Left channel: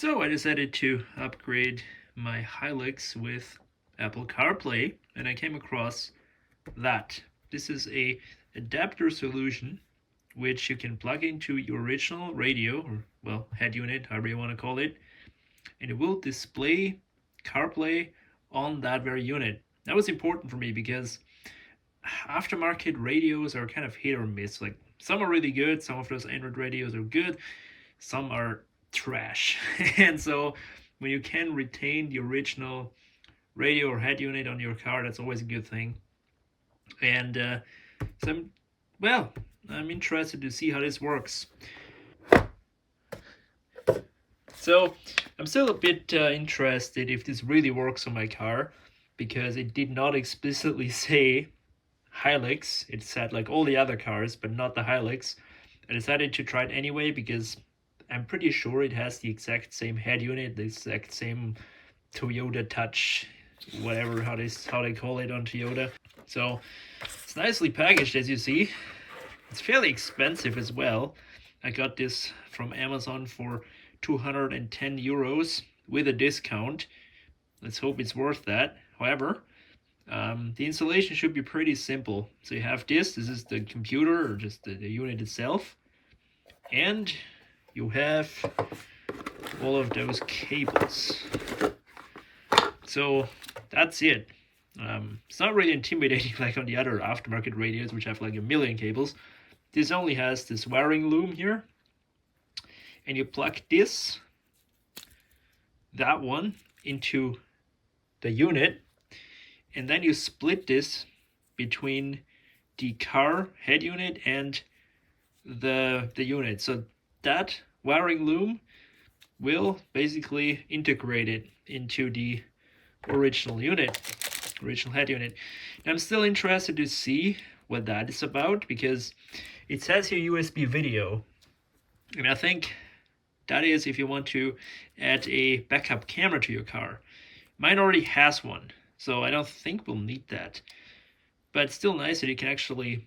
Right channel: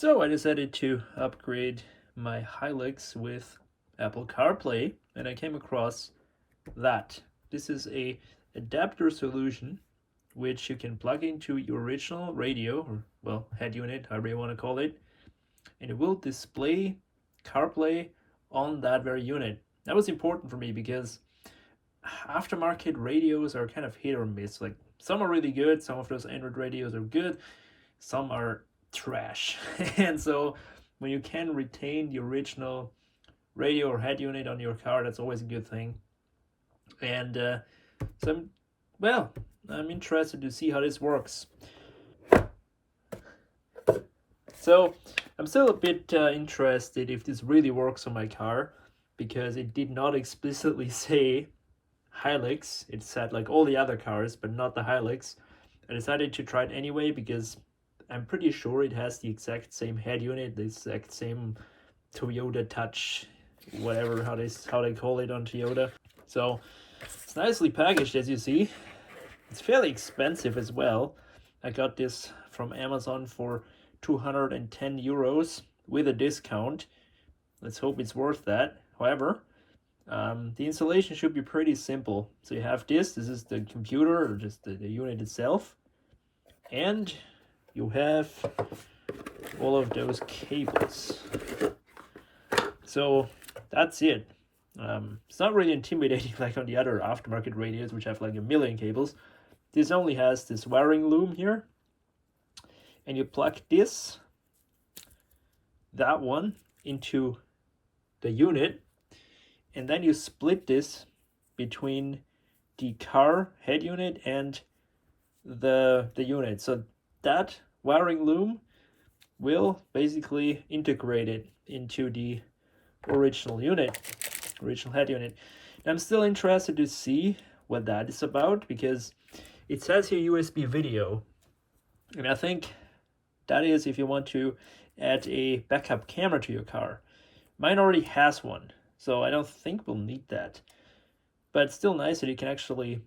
So I decided to upgrade my Hilux with Apple CarPlay, and I came across that. This is a adapter solution which you can plug into your original radio, or well, head unit, however you want to call it, and it will display CarPlay on that very unit. That was important for me because aftermarket radios are kind of hit or miss. Like some are really good, some of those Android radios are good, some are trash. And so when you can retain the original radio or head unit on your car, that's always a good thing. And so I'm interested to see how this works. So I'm still a bit interested if this really works on my car, because it did not explicitly say Hilux. It said like all the other cars, but not the Hilux. I decided to try it anyway because I'm pretty sure it has the exact same head unit, the exact same Toyota Touch, whatever how they call it on Toyota. So it's nicely packaged, as you see. It's fairly expensive as well. I got this from Amazon for 210 euros with a discount. Let's hope it's worth that. However, the installation should be pretty simple. So you have this is the computer, or just the unit itself, and you have all of those cables. So that's it. It's not really intimidating like on the other aftermarket radios, which have like a million cables. This only has this wiring loom here, and you plug that one into the unit, and then you split this between the car head unit and the unit. So that wiring loom will basically integrate it into the original head unit. And I'm still interested to see what that is about, because it says here USB video, and I think that is if you want to add a backup camera to your car. Mine already has one, so I don't think we'll need that. But it's still nice that you can actually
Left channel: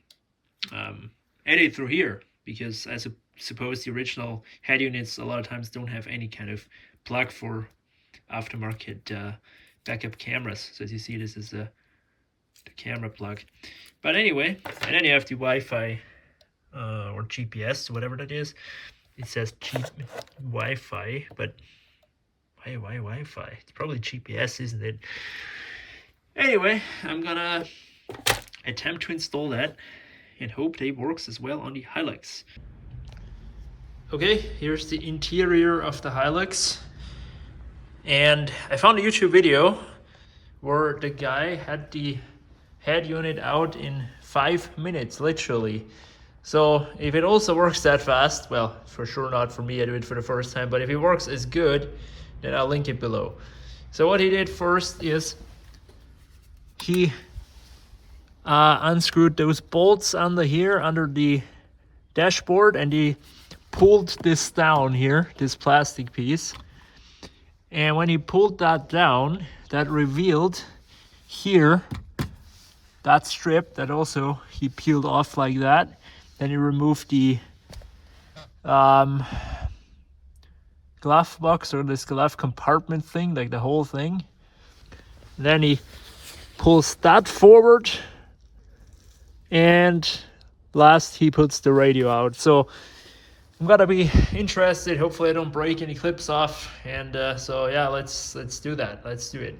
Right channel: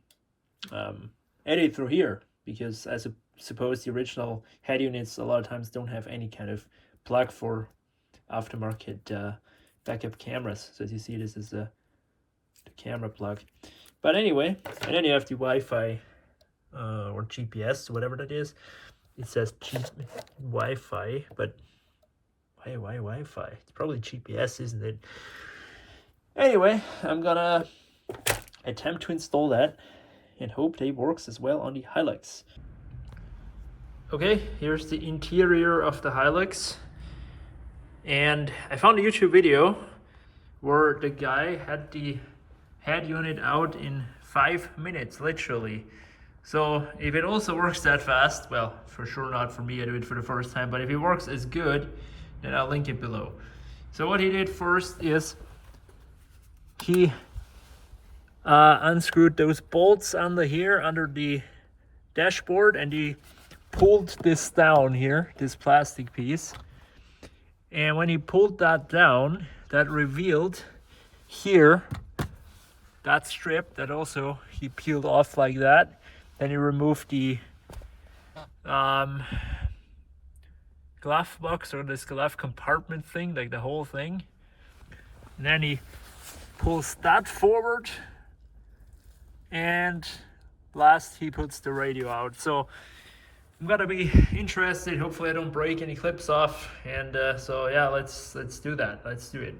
edit through here, because I suppose the original head units a lot of times don't have any kind of plug for aftermarket backup cameras. So as you see, this is the camera plug. But anyway, and then you have the Wi-Fi or GPS, whatever that is. It says Wi-Fi, but why Wi-Fi? It's probably GPS, isn't it? Anyway, I'm gonna attempt to install that and hope that it works as well on the Hilux. Okay, here's the interior of the Hilux. And I found a YouTube video where the guy had the head unit out in 5 minutes, literally. So if it also works that fast, well, for sure not for me, I do it for the first time, but if it works as good, then I'll link it below. So what he did first is he unscrewed those bolts under here, under the dashboard, and he pulled this down here, this plastic piece. And when he pulled that down, that revealed here that strip that also he peeled off like that. Then he removed the glove box, or this glove compartment thing, like the whole thing. And then he pulls that forward, and last he puts the radio out. So I'm gonna be interested. Hopefully I don't break any clips off. And so yeah, let's do that. Let's do it.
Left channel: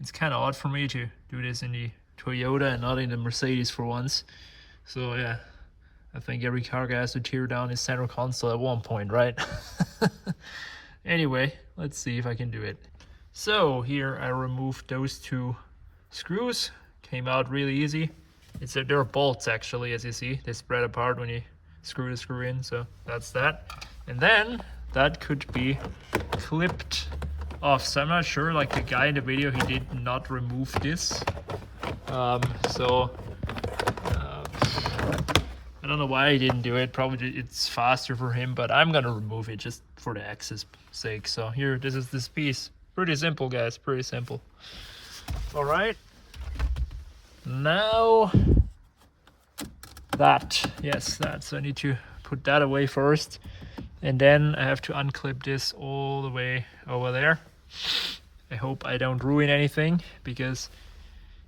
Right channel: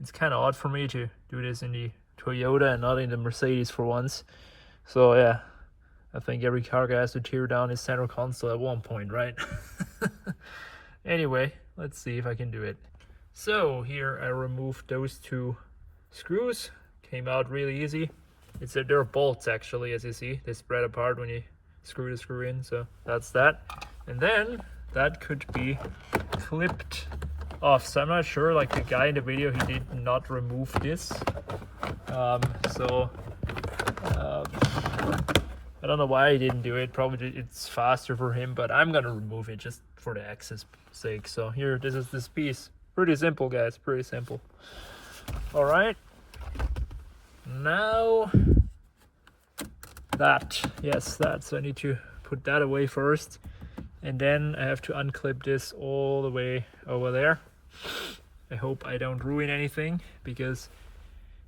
It's kind of odd for me to do this in the Toyota and not in the Mercedes for once. So yeah, I think every car guy has to tear down his center console at one point, right? Anyway, let's see if I can do it. So here I removed those two screws. Came out really easy. They're bolts actually, as you see. They spread apart when you screw the screw in, so that's that. And then that could be clipped off. So I'm not sure, like the guy in the video, he did not remove this. I don't know why he didn't do it. Probably it's faster for him, but I'm gonna remove it just for the access sake. So here, this is this piece. Pretty simple, guys, pretty simple. All right, now that, yes, that, so I need to put that away first. And then I have to unclip this all the way over there. I hope I don't ruin anything, because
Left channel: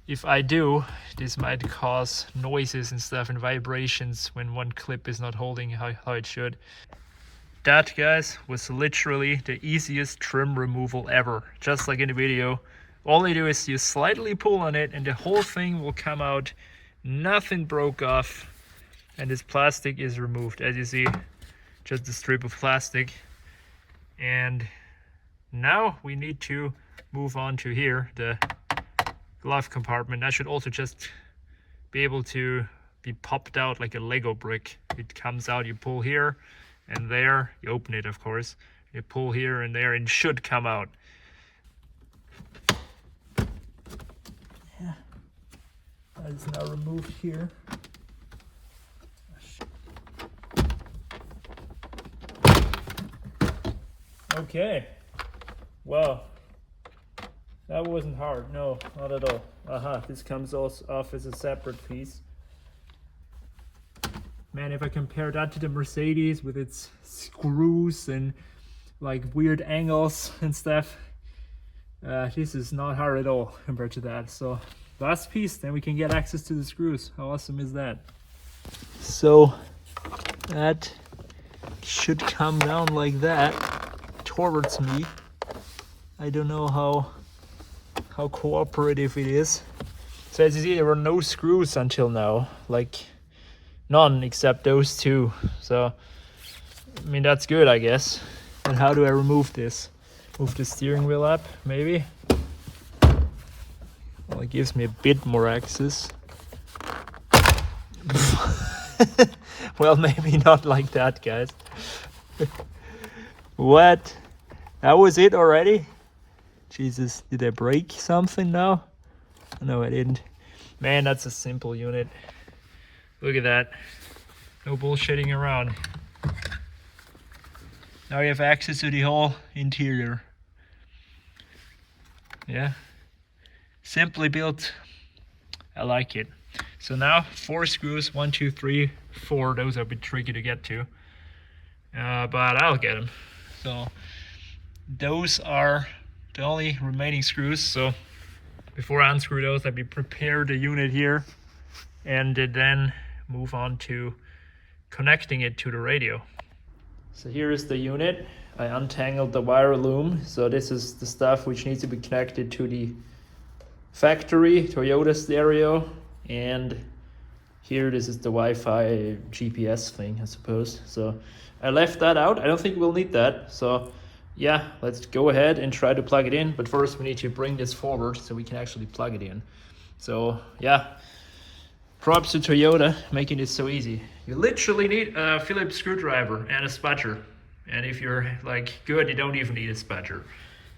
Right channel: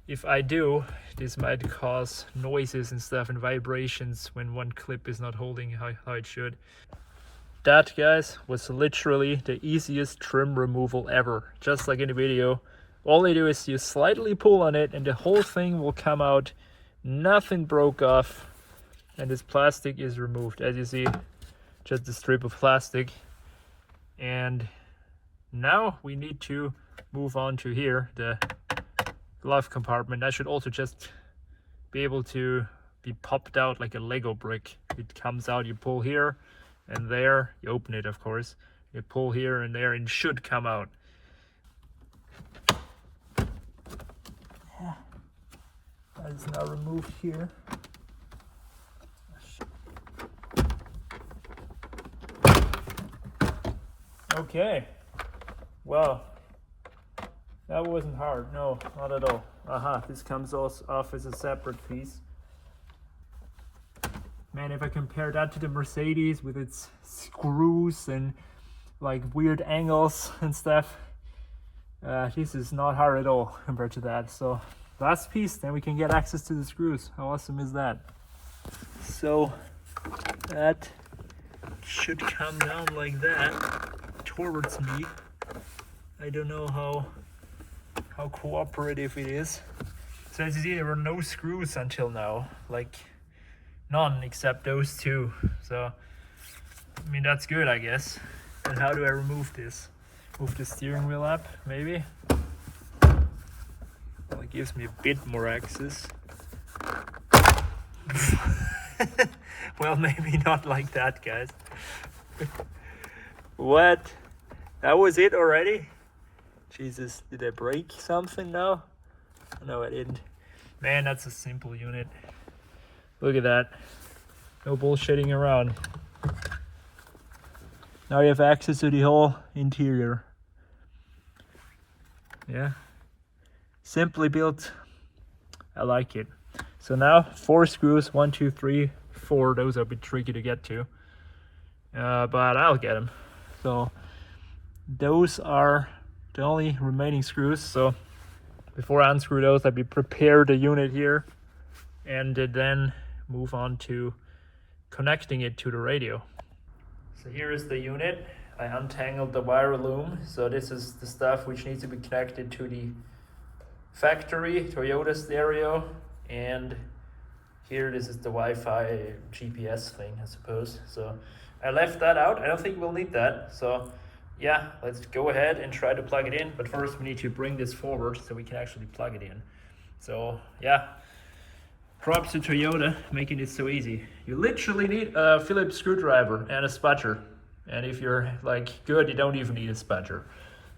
if I do, this might cause noises and stuff and vibrations when one clip is not holding how it should. That, guys, was literally the easiest trim removal ever. Just like in the video, all you do is you slightly pull on it and the whole thing will come out. Nothing broke off, and this plastic is removed. As you see, just a strip of plastic. And now we need to move on to here, the glove compartment. That should also just be able to be popped out like a Lego brick. It comes out, you pull here and there, you open it, of course, you pull here and there, and it should come out. Yeah, that is now removed here. Okay, well, that wasn't hard. No, not at all. This comes off as a separate piece. Man, if I compare that to the Mercedes with its screws and like weird angles and stuff, this is not hard at all compared to that. So last piece, then we can get access to the screws. How awesome is that? So that should come down like that towards me. I don't know how cooperative it is. So as you see, there were no screws until now, like none except those two. So I mean, that's good, I guess. And how do I remove this? Move the steering wheel up, maybe? Well, it gives me a bit more access. Well, maybe not like that, guys. What? That was it already? Jesus, did I break something now? No, I didn't. Man, that's a simple unit. Look at that. No bullshitting around. Now you have access to the whole interior. Yeah. Simply built. I like it. So now 4 screws, 1, 2, 3, 4. Those are a bit tricky to get to. But I'll get them. So those are the only remaining screws. So before I unscrew those, I'll prepare the unit here and then move on to connecting it to the radio. So here's the unit. I untangled the wire loom. So this is the stuff which needs to be connected to the factory Toyota stereo, and here this is the Wi-Fi GPS thing, I suppose. So I left that out. I don't think we'll need that. So yeah, let's go ahead and try to plug it in. But first we need to bring this forward so we can actually plug it in. So yeah, props to Toyota making it so easy. You literally need a Phillips screwdriver and a spudger. And if you're like good, you don't even need a spudger.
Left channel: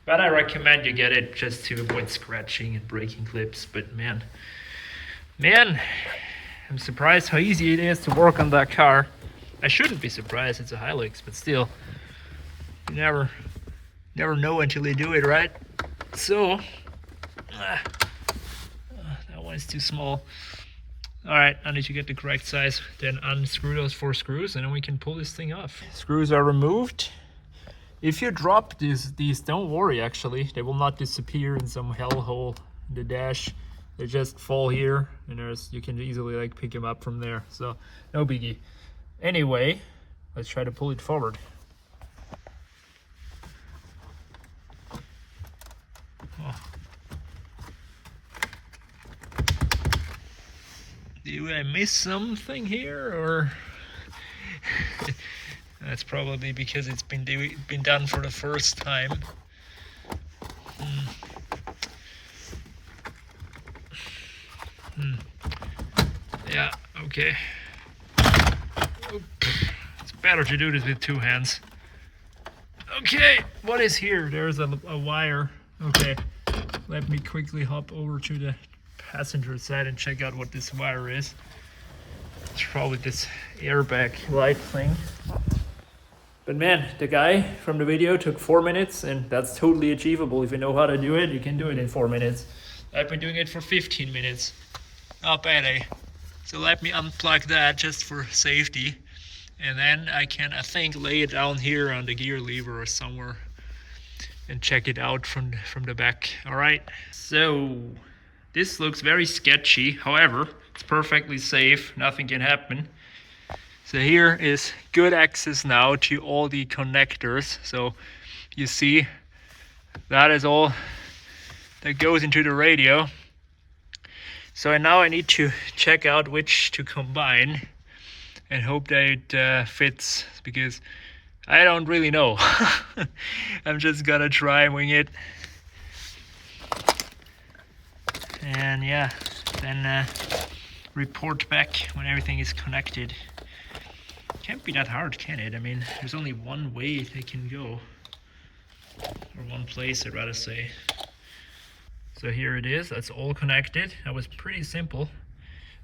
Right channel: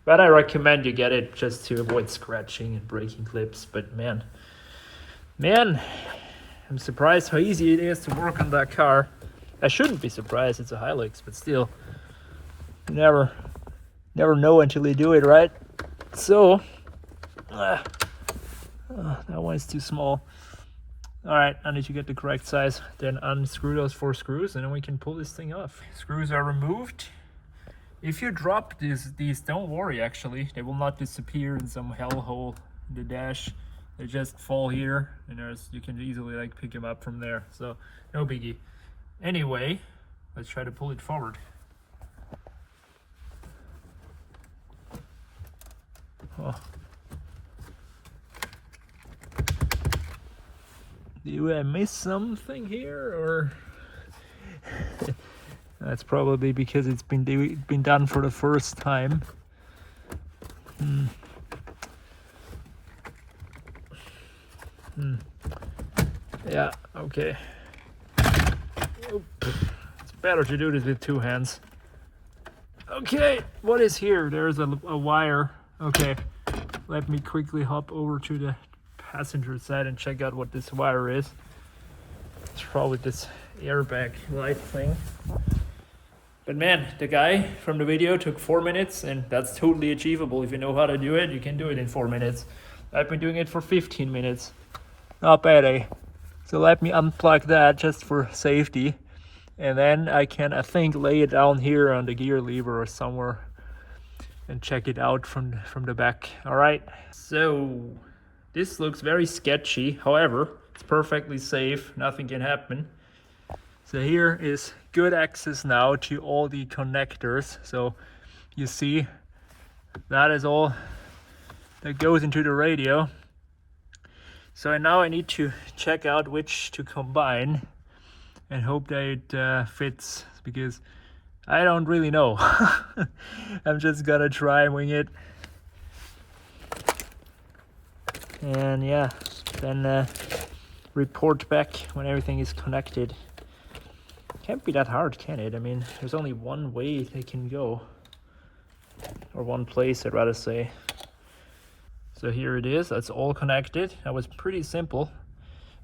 But I recommend you get it just to avoid scratching and breaking clips. But man, I'm surprised how easy it is to work on that car. I shouldn't be surprised, it's a Hilux, but still, you never know until you do it, right? So, that one is too small. All right, I need to get the correct size, then unscrew those 4 screws, and then we can pull this thing off. Screws are removed. If you drop these, don't worry, actually. They will not disappear in some hellhole in the dash. They just fall here, and you can easily like pick them up from there. So, no biggie. Anyway, let's try to pull it forward. Oh. Do I miss something here, or that's probably because it's been done for the first time. Yeah, okay. It's better to do this with 2 hands. Okay, what is here? There's a wire. Okay, let me quickly hop over to the passenger side and check out what this wire is. It's probably this airbag light thing. But man, the guy from the video took 4 minutes, and that's totally achievable. If you know how to do it, you can do it in 4 minutes. I've been doing it for 15 minutes. Not bad, eh? So let me unplug that just for safety. And then I can, I think, lay it down here on the gear lever or somewhere and check it out from the back. All right, so this looks very sketchy. However, it's perfectly safe, nothing can happen. So here is good access now to all the connectors. So you see that is all that goes into the radio. So now I need to check out which to combine and hope that it fits, because I don't really know. I'm just gonna try and wing it. And yeah, then report back when everything is connected. Can't be that hard, can it? I mean, there's only one way they can go. Or one place, I'd rather say. So here it is, that's all connected. That was pretty simple.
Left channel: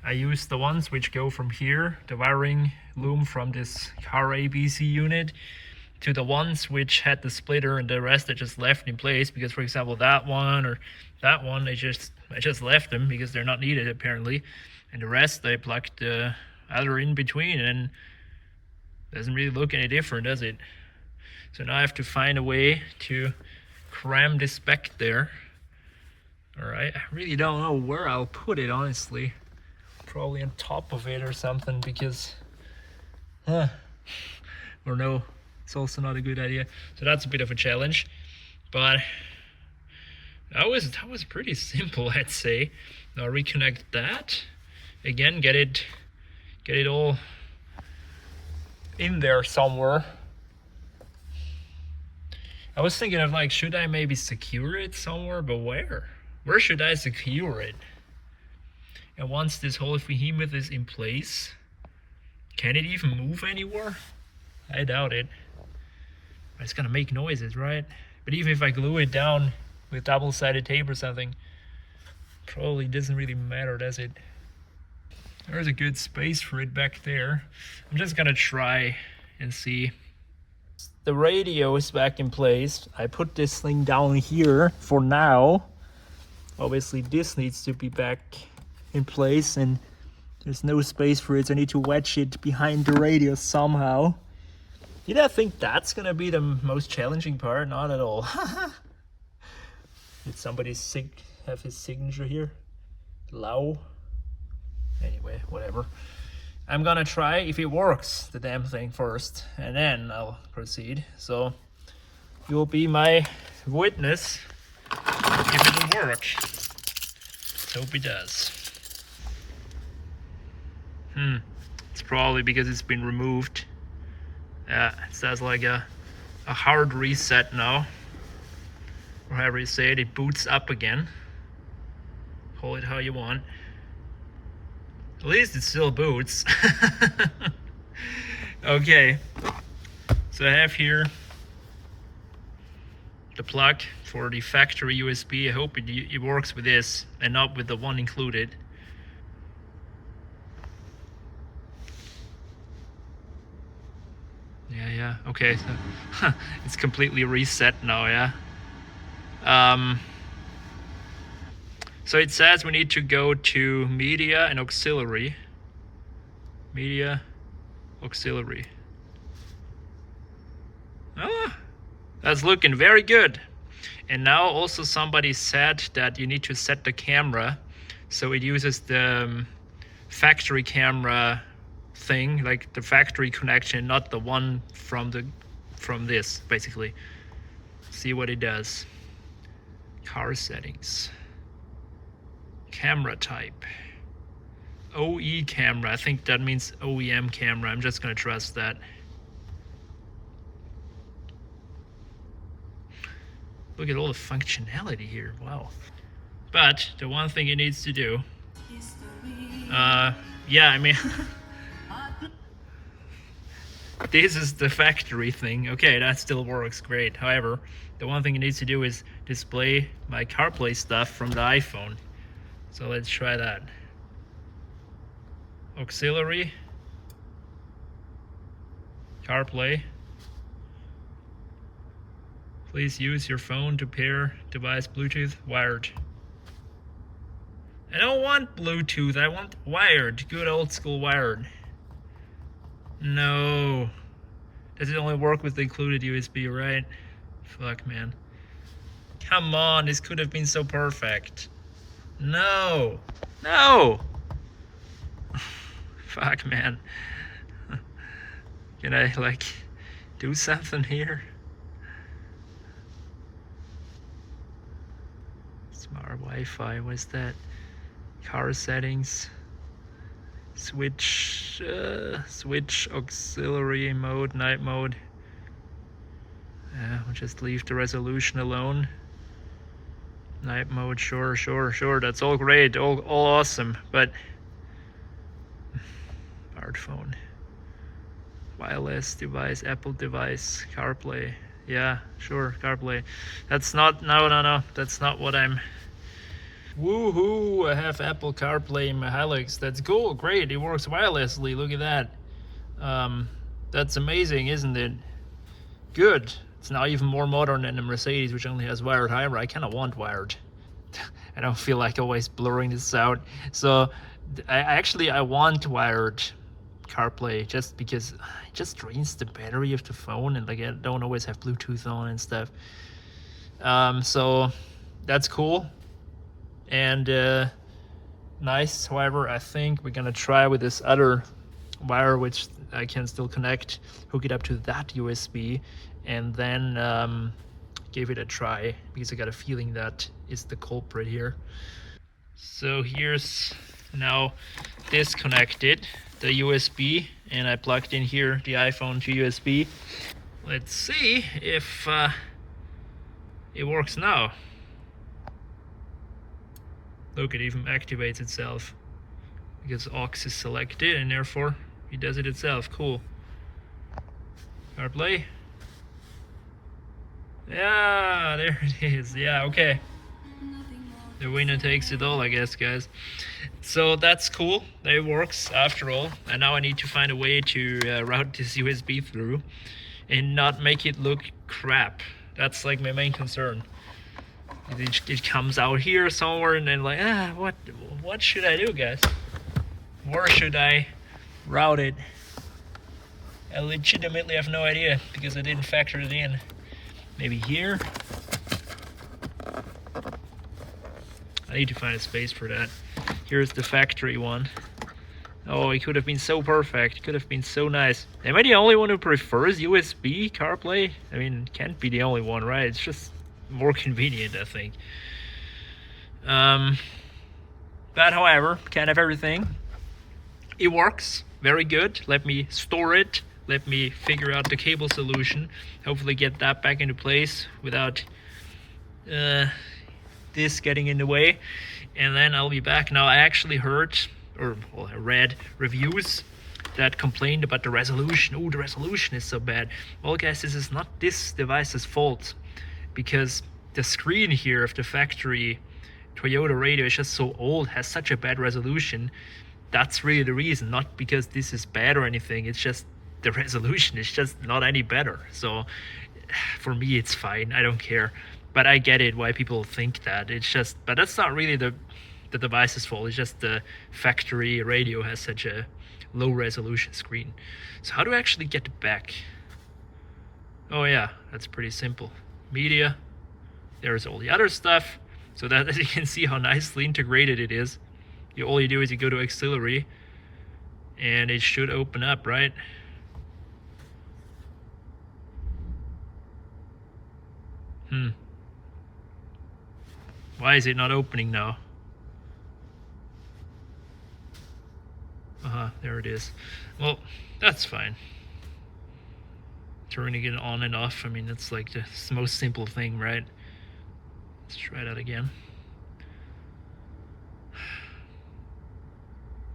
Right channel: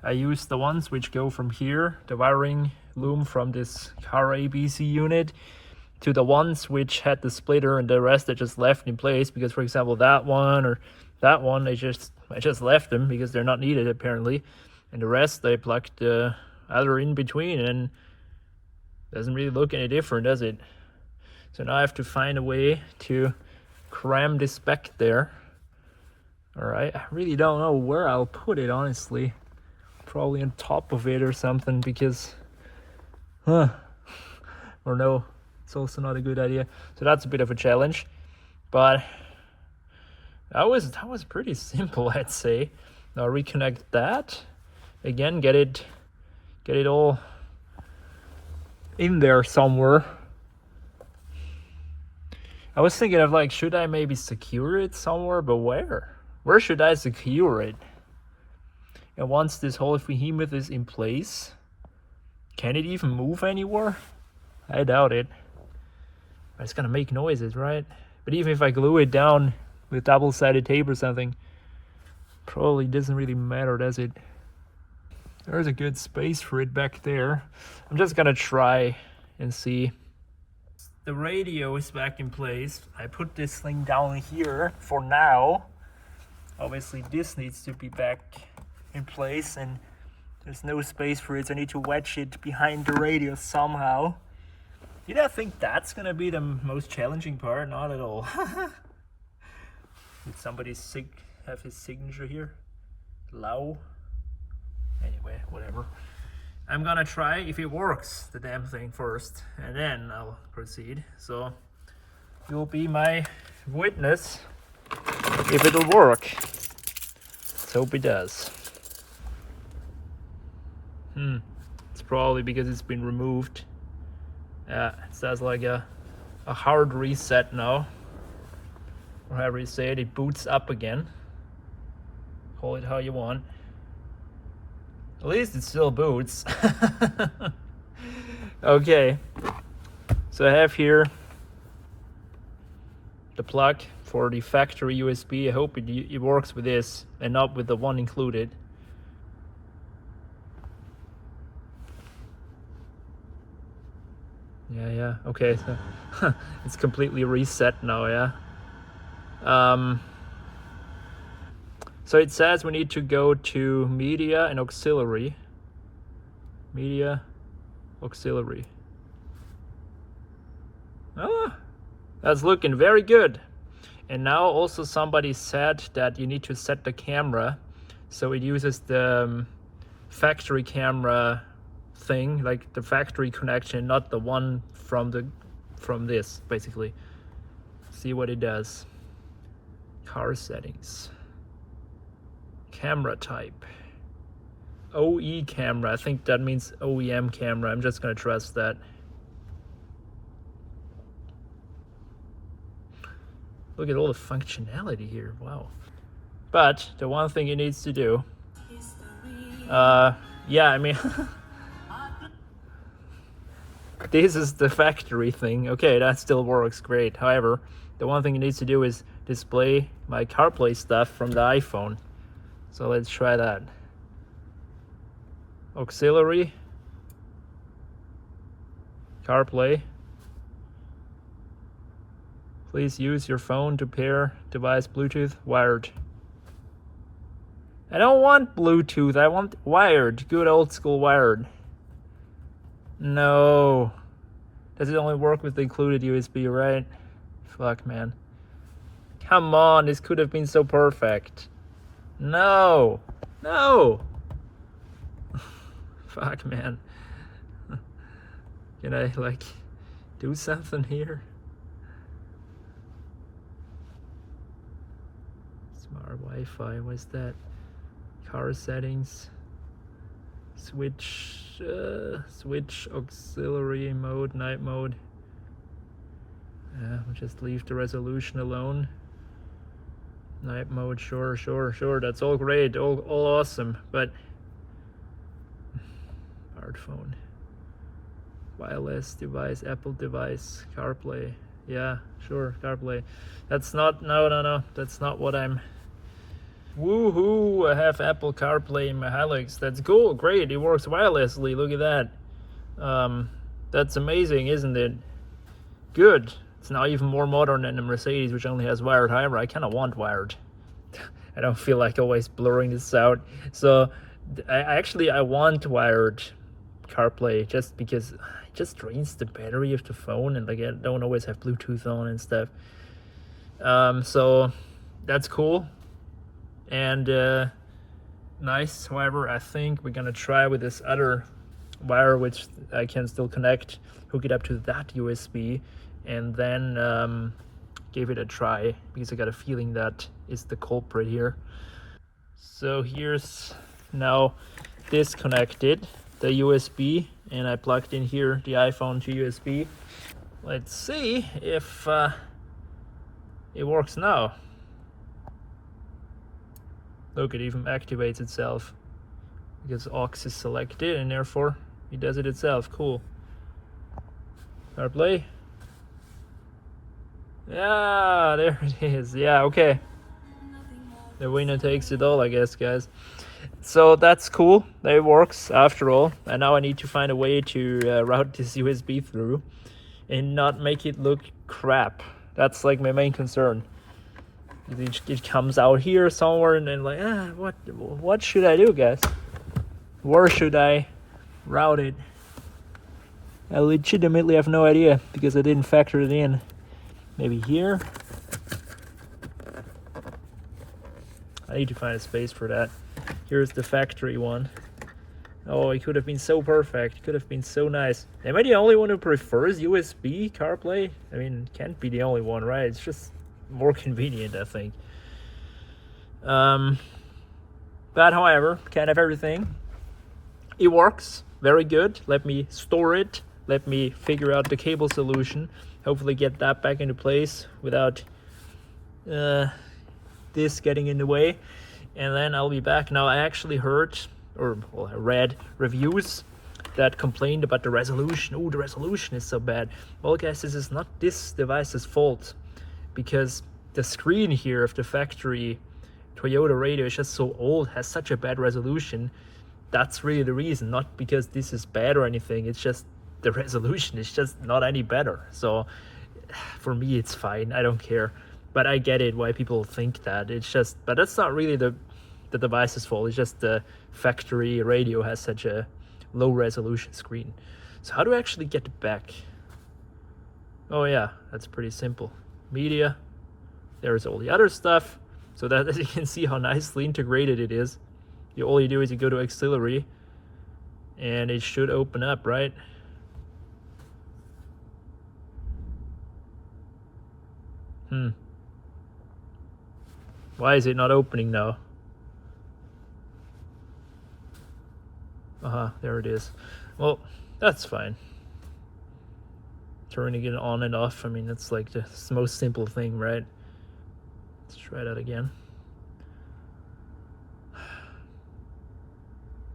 I used the ones which go from here, the wiring loom from this carabc unit, to the ones which had the splitter, and the rest I just left in place, because for example that one or that one I just left them because they're not needed apparently, and the rest I plugged the other in between, and it doesn't really look any different, does it? So now I have to find a way to cram this back there. All right, I really don't know where I'll put it, honestly. Probably on top of it or something, because or no, it's also not a good idea. So that's a bit of a challenge, but that was pretty simple, I'd say. Now reconnect that again, get it all in there somewhere. I was thinking of like, should I maybe secure it somewhere, but where should I secure it? And once this whole behemoth is in place, can it even move anywhere? I doubt it. But it's gonna make noises, right? But even if I glue it down with double-sided tape or something, probably doesn't really matter, does it? There's a good space for it back there. I'm just gonna try and see. The radio is back in place. I put this thing down here for now. Obviously this needs to be back in place, and there's no space for it, so I need to wedge it behind the radio somehow. Did I think that's gonna be the most challenging part? Not at all. Did somebody have his signature here? Lau? Anyway, whatever. I'm gonna try if it works, the damn thing, first, and then I'll proceed. So you'll be my witness if it'll work. Hope it does. It's probably because it's been removed. Yeah, it says like a hard reset now, or however you say it. It boots up again. Call it how you want. At least it still boots. Okay, so I have here the plug for the factory USB. I hope it works with this and not with the one included. Yeah, okay, so it's completely reset now, yeah. So it says we need to go to media and auxiliary. Media, auxiliary. Ah, that's looking very good. And now also somebody said that you need to set the camera so it uses the factory camera thing, like the factory connection, not the one from this, basically. See what it does. Car settings. Camera type. OE camera. I think that means OEM camera. I'm just gonna trust that. Look at all the functionality here. Wow. But the one thing it needs to do, yeah, I mean, this is the factory thing. Okay, that still works great. However, the one thing it needs to do is display my CarPlay stuff from the iPhone. So let's try that. Auxiliary, CarPlay. Please use your phone to pair device Bluetooth wired. I don't want Bluetooth, I want wired, good old school wired. No. Does it only work with the included USB, right? Fuck, man. Come on, this could have been so perfect. No. No. Fuck, man. Can I, like, do something here? Smart Wi-Fi, what's that? Car settings. Switch auxiliary mode, night mode. Yeah, we'll just leave the resolution alone. Night mode, sure, that's all great, all awesome, but smartphone, wireless device, Apple device, CarPlay, yeah, sure, CarPlay. That's not, no, that's not what I'm. Woohoo, I have Apple CarPlay in my Hilux. That's cool, great, it works wirelessly, look at that. That's amazing, isn't it? Good. It's now even more modern than the Mercedes, which only has wired. However, I kind of want wired. I don't feel like always blurring this out. So I want wired CarPlay just because it just drains the battery of the phone, and like I don't always have Bluetooth on and stuff. So that's cool and nice. However, I think we're gonna try with this other wire, which I can still connect, hook it up to that USB, and then give it a try, because I got a feeling that is the culprit here. So here's now disconnected the USB, and I plugged in here the iPhone to USB. Let's see if it works now. Look, it even activates itself because aux is selected, and therefore it does it itself. Cool. CarPlay. Yeah, there it is. Yeah, okay. The winner takes it all, I guess, guys. So that's cool. That works after all. And now I need to find a way to route this USB through and not make it look crap. That's like my main concern. It comes out here somewhere, and then like, what should I do, guys? Where should I route it? I legitimately have no idea because I didn't factor it in. Maybe here? I need to find a space for that. Here's the factory one. Oh, it could have been so perfect. It could have been so nice. Am I the only one who prefers USB CarPlay? I mean, can't be the only one, right? It's just more convenient, I think. But however, can't have everything. It works very good. Let me store it. Let me figure out the cable solution. Hopefully get that back into place without this getting in the way. And then I'll be back. Now I actually heard, or well, I read reviews that complained about the resolution. Oh, the resolution is so bad. Well, guys, this is not this device's fault, because the screen here of the factory Toyota radio is just so old, has such a bad resolution. That's really the reason, not because this is bad or anything. It's just the resolution is just not any better. So for me, it's fine. I don't care. But I get it why people think that. It's just, but that's not really the device's fault. It's just the factory radio has such a low resolution screen. So how do I actually get it back? Oh yeah, that's pretty simple. Media, there's all the other stuff. So that, as you can see how nicely integrated it is. All you do is you go to auxiliary and it should open up, right? Why is it not opening now? There it is. Well, that's fine. Turning it on and off, I mean, that's like the most simple thing, right? Let's try that again.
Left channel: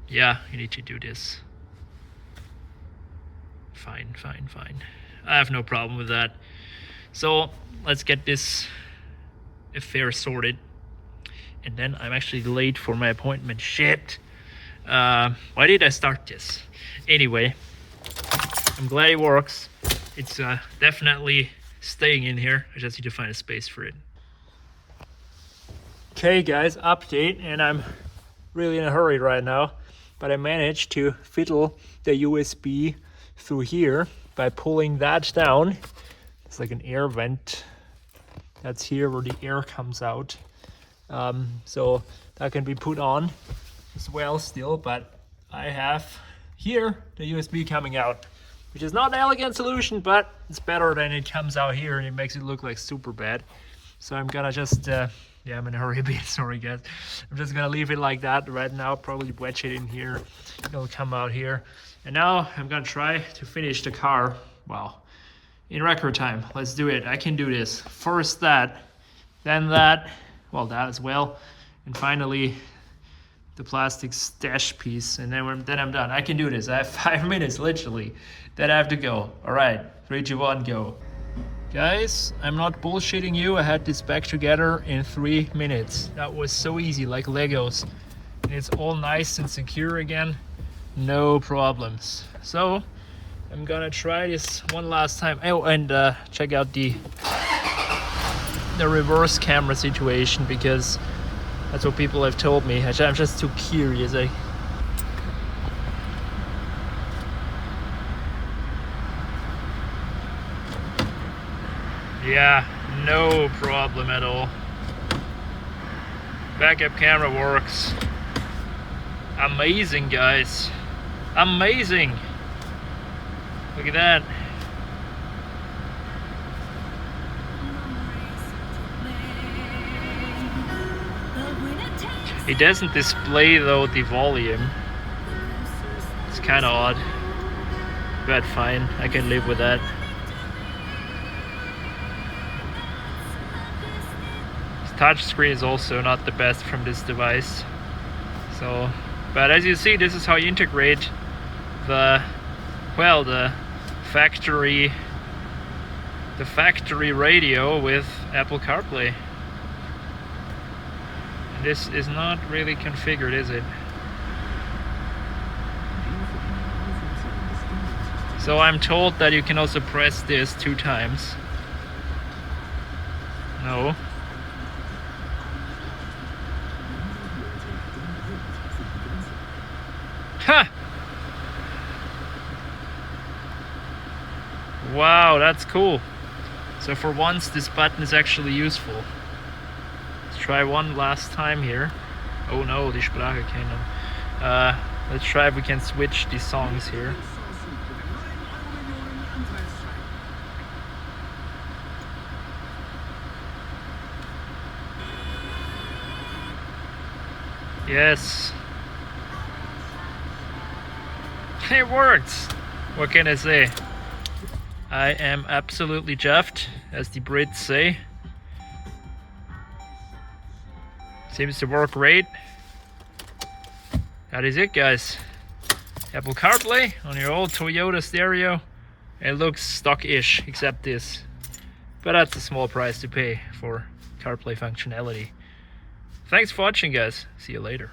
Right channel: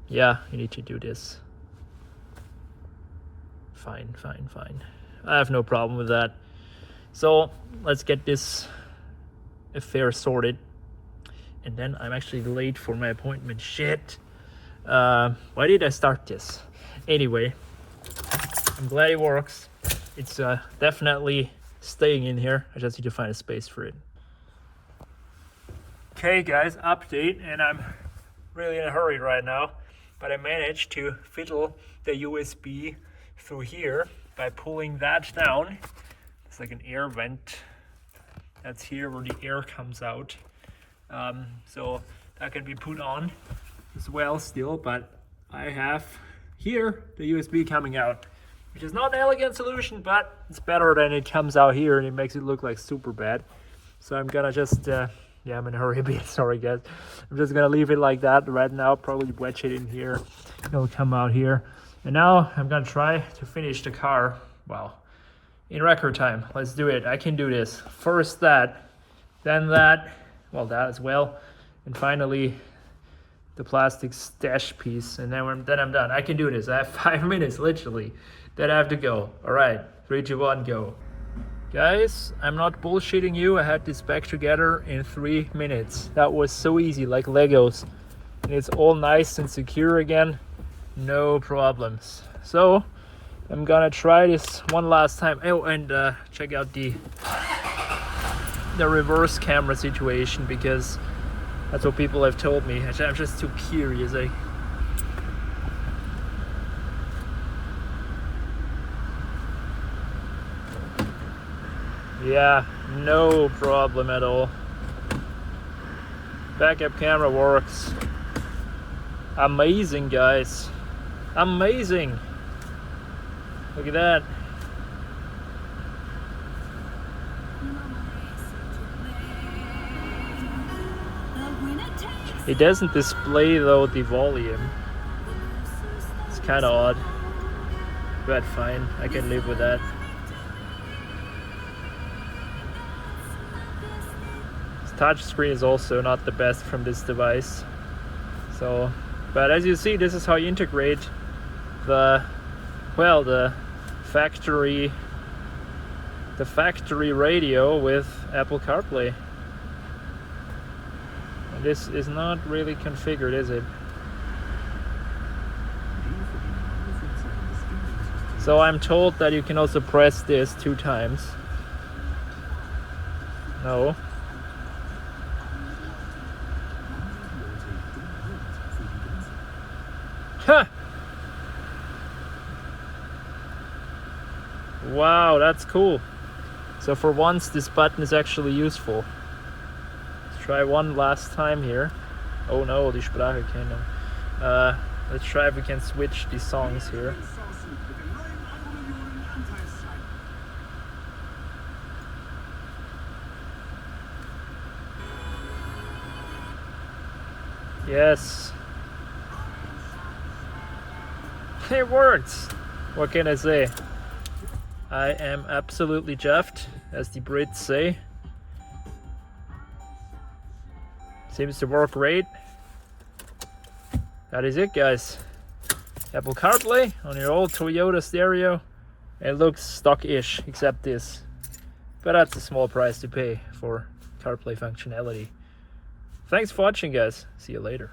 Yeah, you need to do this. Fine. I have no problem with that. So let's get this affair sorted. And then I'm actually late for my appointment. Shit. Why did I start this? Anyway, I'm glad it works. It's definitely staying in here. I just need to find a space for it. Okay guys, update, and I'm really in a hurry right now, but I managed to fiddle the USB through here by pulling that down. It's like an air vent. That's here where the air comes out. So that can be put on as well still, but I have here the USB coming out, which is not an elegant solution, but it's better than it comes out here and it makes it look like super bad. So I'm gonna just, yeah, I'm in a hurry a bit, sorry guys. I'm just gonna leave it like that right now, probably wedge it in here, it'll come out here. And now I'm gonna try to finish the car, well, in record time. Let's do it, I can do this. First that, then that, well that as well, and finally the plastic stash piece, and then I'm done. I can do this. I have 5 minutes literally. Then I have to go. All right, 3, 2, 1, go. Guys, I'm not bullshitting you. I had this back together in 3 minutes. That was so easy, like Legos. And it's all nice and secure again. No problems. So I'm gonna try this one last time. Oh, and check out the reverse camera situation, because that's what people have told me. I'm just too curious. Yeah, no problem at all. Backup camera works. Amazing, guys. Amazing. Look at that. It doesn't display though the volume. It's kind of odd, but fine, I can live with that. This touch screen is also not the best from this device. So, but as you see, this is how you integrate the factory radio with Apple CarPlay. This is not really configured, is it? So I'm told that you can also press this 2 times. No. Ha! Wow, that's cool. So for once this button is actually useful. Try one last time here. Oh no, die Spracherkennung. Let's try if we can switch the songs here. Yes. It works! What can I say? I am absolutely chuffed, as the Brits say. Seems to work great. That is it, guys. Apple CarPlay on your old Toyota stereo. It looks stock-ish, except this. But that's a small price to pay for CarPlay functionality. Thanks for watching, guys. See you later.